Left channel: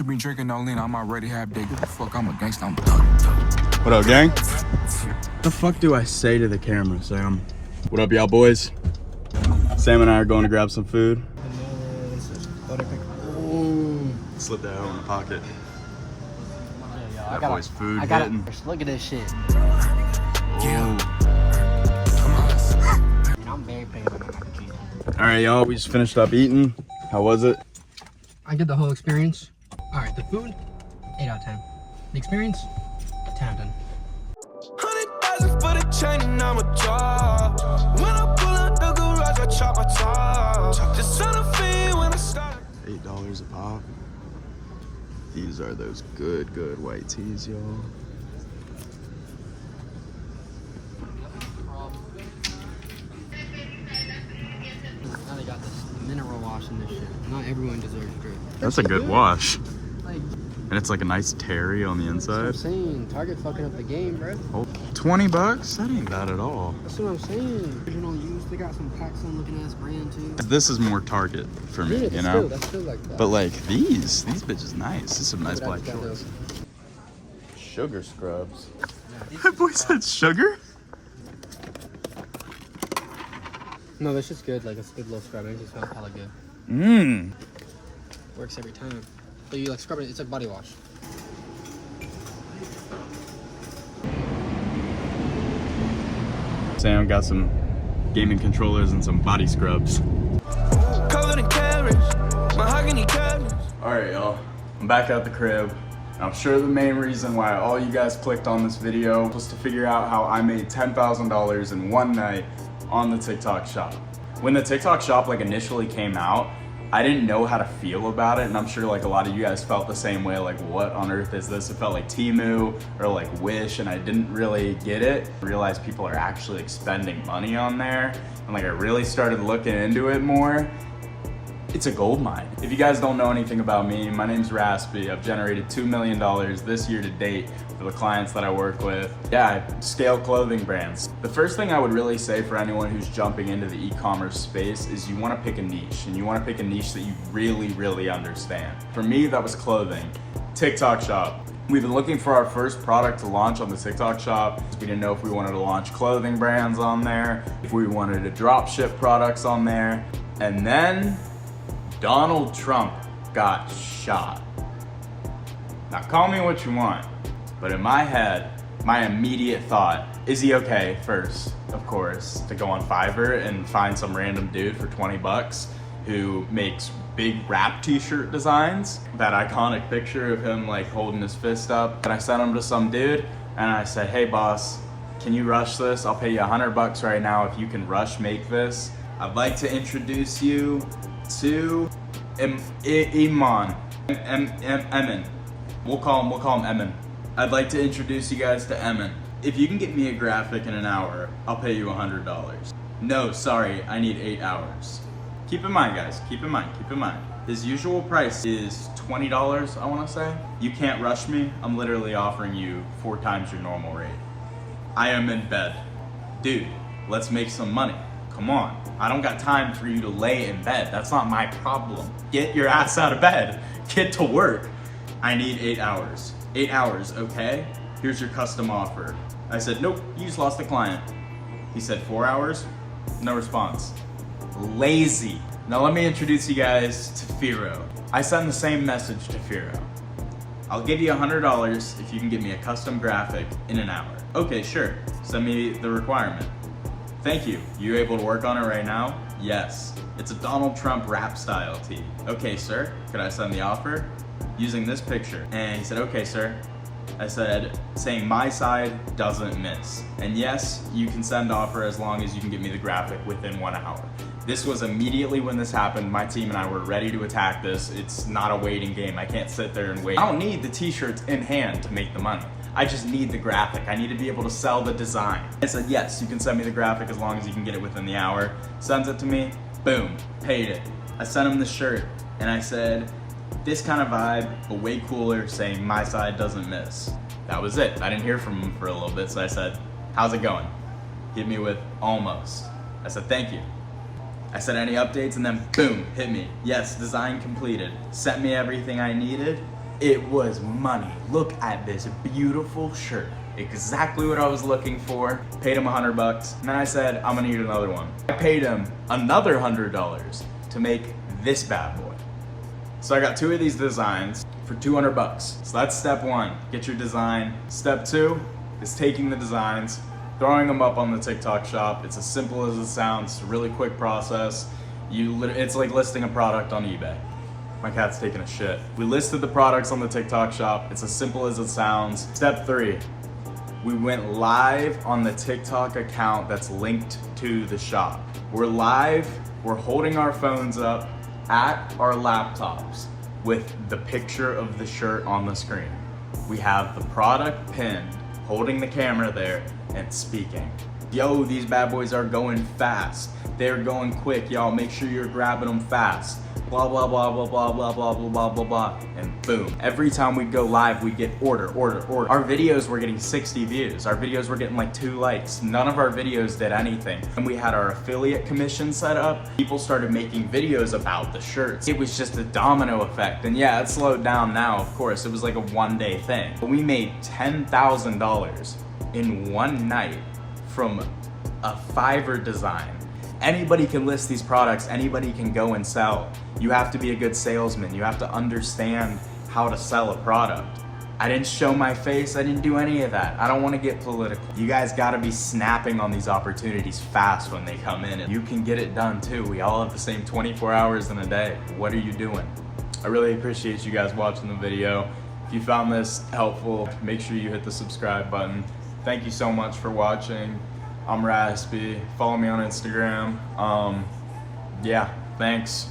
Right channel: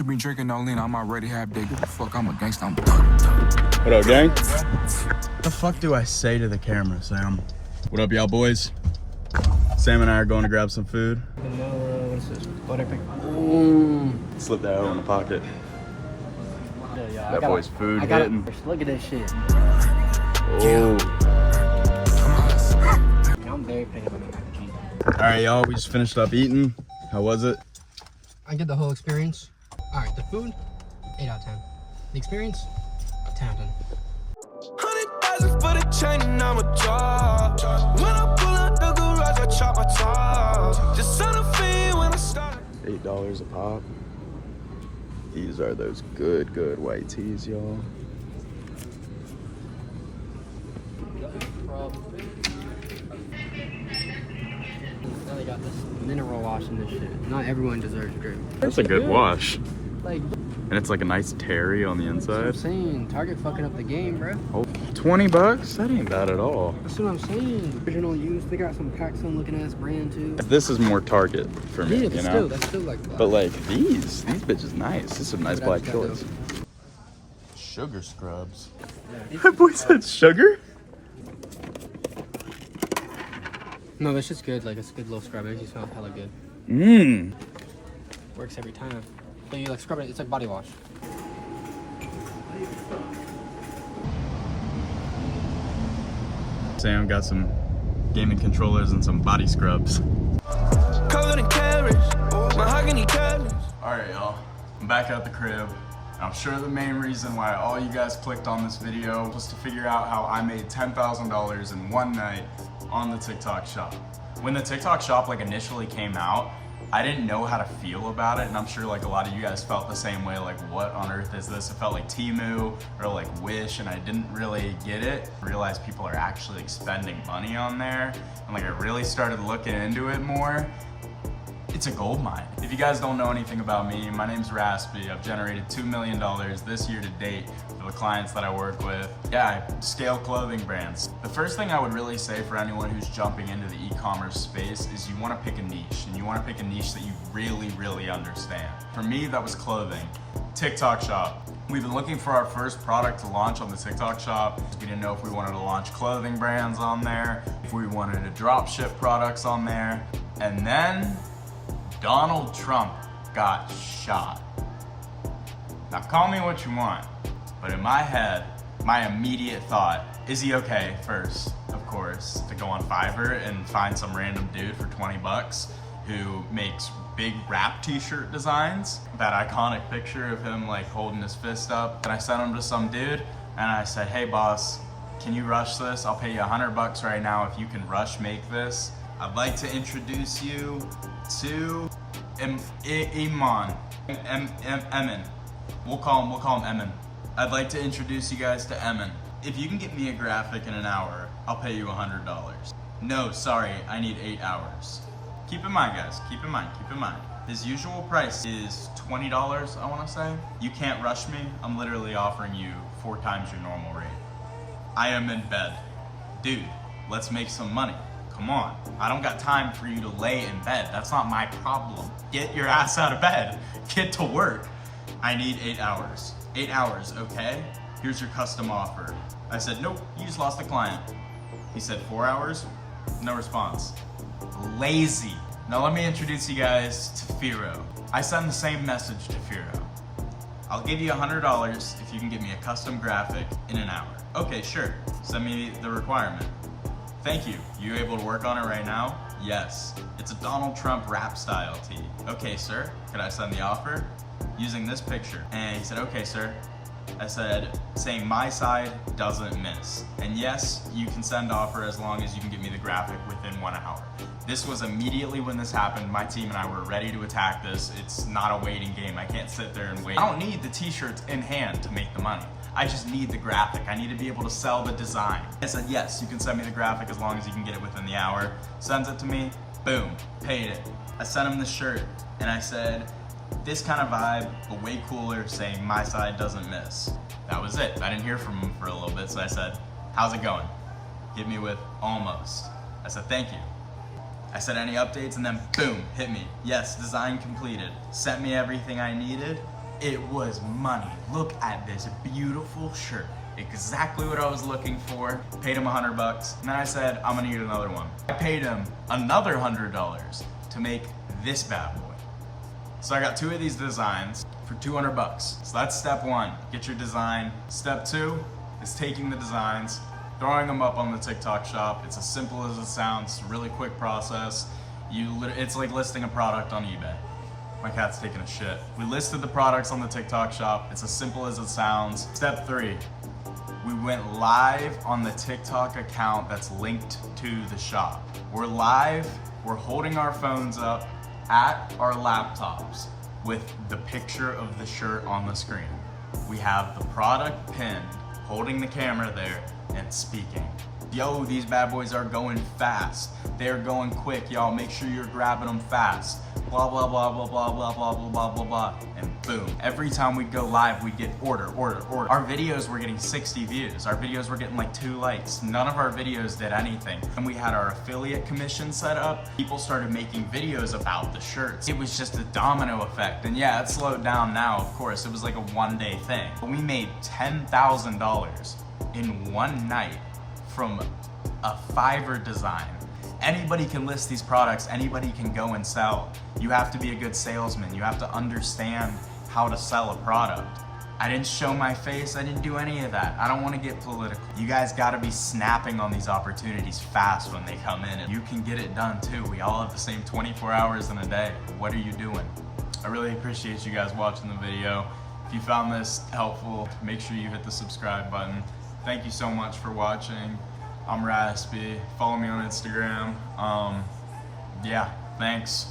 should be drinking no lean. I'm already half dead. Give a fuck. I'm a gangsta. I'm thug. What up, gang? What the fuck do I say to the camera, Sam? What up, y'all boys? Sam and I are going to grab some food. Slip that out in the pocket. Yeah, That boy's food hitting. Look at this shit. Oh. I'm very patient. Alright, y'all, we just finished up eating. How was it? I get the whole experience. Alright, the food, 8 out of 10. The experience, 10 out of 10. 100,000 for the chain and I'm a job. When I pull out the garage, I chop my top. Just on a fee when I start. $8 a pop. These are those good white teas, y'all. Now they got this mineral wash in this shit. Not everyone deserves drip. That's a good wash. Like, And it's like a nice terry on the inside. I'm saying, Target fucking up the game, bro. Oh, 20 bucks? That ain't bad at all. That's what I'm saying. Original use. They got some Paxson looking ass brand too. This is more Target for me, Yeah, you know? it's still like, But like these bitches nice. This is some nice black shorts. Sugar scrubs. That boy said sugar? no, this shit's good. Like, it's a good little scrub. It just smells hella good. Mmm. Works every time. Yeah, you like scrub it. It's like body wash. Sam got some gaming controllers and some body scrubs. Covered in carrots, mahogany cabinets. Alright, y'all. I'm back at the crib. I'm sure the main reason why all you guys clicked on this video was to figure out how I made $10,000 in one night on the TikTok shop. When the TikTok shop like initially came out, I didn't know how to feel about it, and I'm sure like a lot of you guys felt the same way, like what on earth is this? It felt like Temu or like Wish, and I didn't really get it. I realized people are actually like spending money on there, and like I really started looking into it more. It's a gold mine. If you guys don't know anything about me, my name's Raspy. I've generated $2 million this year to date for the clients that I work with. Yeah, I scale clothing brands. The first thing I would really say for anyone who's jumping into the e-commerce space is you wanna pick a niche, and you wanna pick a niche that you really understand. For me, that was clothing. TikTok shop. We've been looking for our first product to launch on the TikTok shop. We didn't know if we wanted to launch clothing brands on there, if we wanted to drop ship products on there, and then Donald Trump got shot. Now call me what you want, but in my head, my immediate thought, is he okay first, of course, to go on Fiverr and find some random dude for 20 bucks who makes big rap t-shirt designs, that iconic picture of him like holding his fist up. And I sent him to some dude and I said, hey boss, can you rush this? I'll pay you 100 bucks right now if you can rush make this. I'd like to introduce you to Eman. Emin. We'll call him Emin. I'd like to introduce you guys to Emin. If you can get me a graphic in an hour, I'll pay you $100. No, sorry, I need 8 hours. Keep in mind, guys, keep in mind. His usual price is $20, I wanna say. You can't rush me. I'm literally offering you 4 times your normal rate. I am in bed. Dude, let's make some money. Come on, I don't got time for you to lay in bed. That's not my problem. Get your ass out of bed. Get to work. I need 8 hours. 8 hours, okay? Here's your custom offer. I said, nope, you just lost a client. He said 4 hours, no response. Lazy. Now let me introduce you guys to Firo. I send the same message to Firo. I'll give you $100 if you can get me a custom graphic in an hour. Okay, sure, send me the requirement. Thank you. You able to work on it right now? Yes. It's a Donald Trump rap style tee. Okay, sir, could I send the offer? Using this picture. And he said, okay, sir. I said, saying my side doesn't miss. And yes, you can send offer as long as you can get me the graphic within 1 hour. This was immediately when this happened. My team and I were ready to attack this. It's not a waiting game. I can't sit there and wait. I don't need the t-shirts in hand to make the money. I just need the graphic. I need to be able to sell the design. I said, yes, you can send me the graphic as long as you can get it within the hour. Sends it to me, boom, paid it. I sent him the shirt and I said, this kind of vibe, but way cooler, saying my side doesn't miss. That was it. I didn't hear from him for a little bit, so I said, how's it going? Hit me with almost. I said, thank you. I said, any updates? And then boom, hit me. Yes, design completed. Sent me everything I needed. It was money. Look at this beautiful shirt. Exactly what I was looking for. Paid him $100, and then I said, I'm gonna need another one. I paid him another $100 to make this bad boy. So I got 2 of these designs for $200. So that's step 1, get your design. Step 2 is taking the designs, throwing them up on the TikTok shop. It's as simple as it sounds. It's a really quick process. It's like listing a product on eBay. My cat's taking a shit. We listed the products on the TikTok shop. It's as simple as it sounds. Step 3, we went live on the TikTok account that's linked to the shop. We're live, we're holding our phones up at our laptops with the picture of the shirt on the screen. We have the product pinned, holding the camera there and speaking. Yo, these bad boys are going fast. They're going quick, y'all. Make sure you're grabbing them fast. Blah, blah, blah, blah, blah, blah, blah, blah, blah, blah, blah, and boom. Every time we go live, we get order. Our videos were getting 60 views. Our videos were getting like 2 likes. None of our videos did anything. And we had our affiliate commission set up. People started making videos about the shirts. It was just a domino effect. And yeah, it slowed down now, of course. It was like a one-day thing. But we made $10,000 in one night from a Fiverr design. Anybody can list these products, anybody can go and sell. You have to be a good salesman. You have to understand how to sell a product. I didn't show my face, I didn't do any of that. I don't want to get political. You guys gotta be snapping on these opportunities fast when they come in. You can get it done too. We all have the same 24 hours in a day. What are you doing? I really appreciate you guys watching the video. If you found this helpful, make sure you hit the subscribe button. Thank you so much for watching. I'm Raspy. Follow me on Instagram. Yeah, thanks.